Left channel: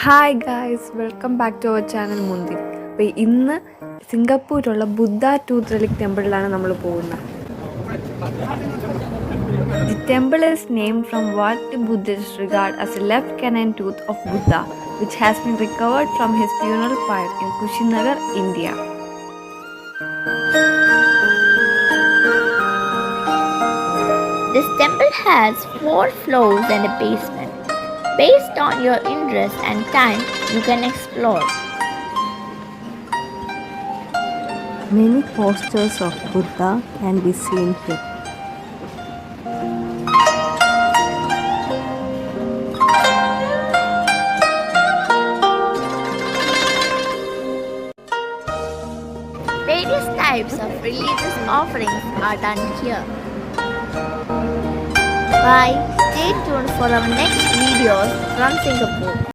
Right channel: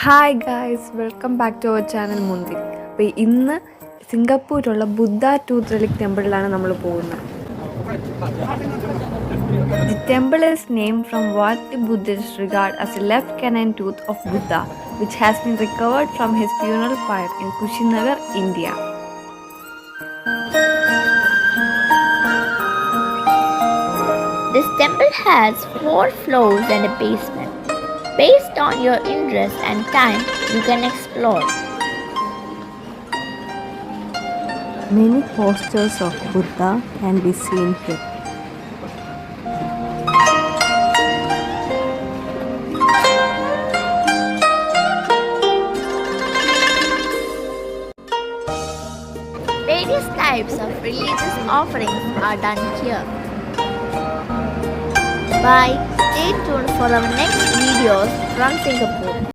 Hi guys, welcome back to our channel Munthiri. അപ്പോൾ ഇന്ന് സിംഗപ്പൂരിലുള്ള ബുദ്ധ ടൂത്ത് റെലിക് ടെമ്പിളിലാണ് നമ്മൾ പോകുന്നത്. The temple is named from what the Buddhist regard as A left canine tooth of Buddha, which has been recovered from his funeral pyre in Kushinagar, India. This temple has 4 floors and a basement. Based on your interest and time, you can explore. Many posters of Buddha can be seen here. Various types of religious offerings are done here. Bye. Stay tuned for our next videos from Singapore.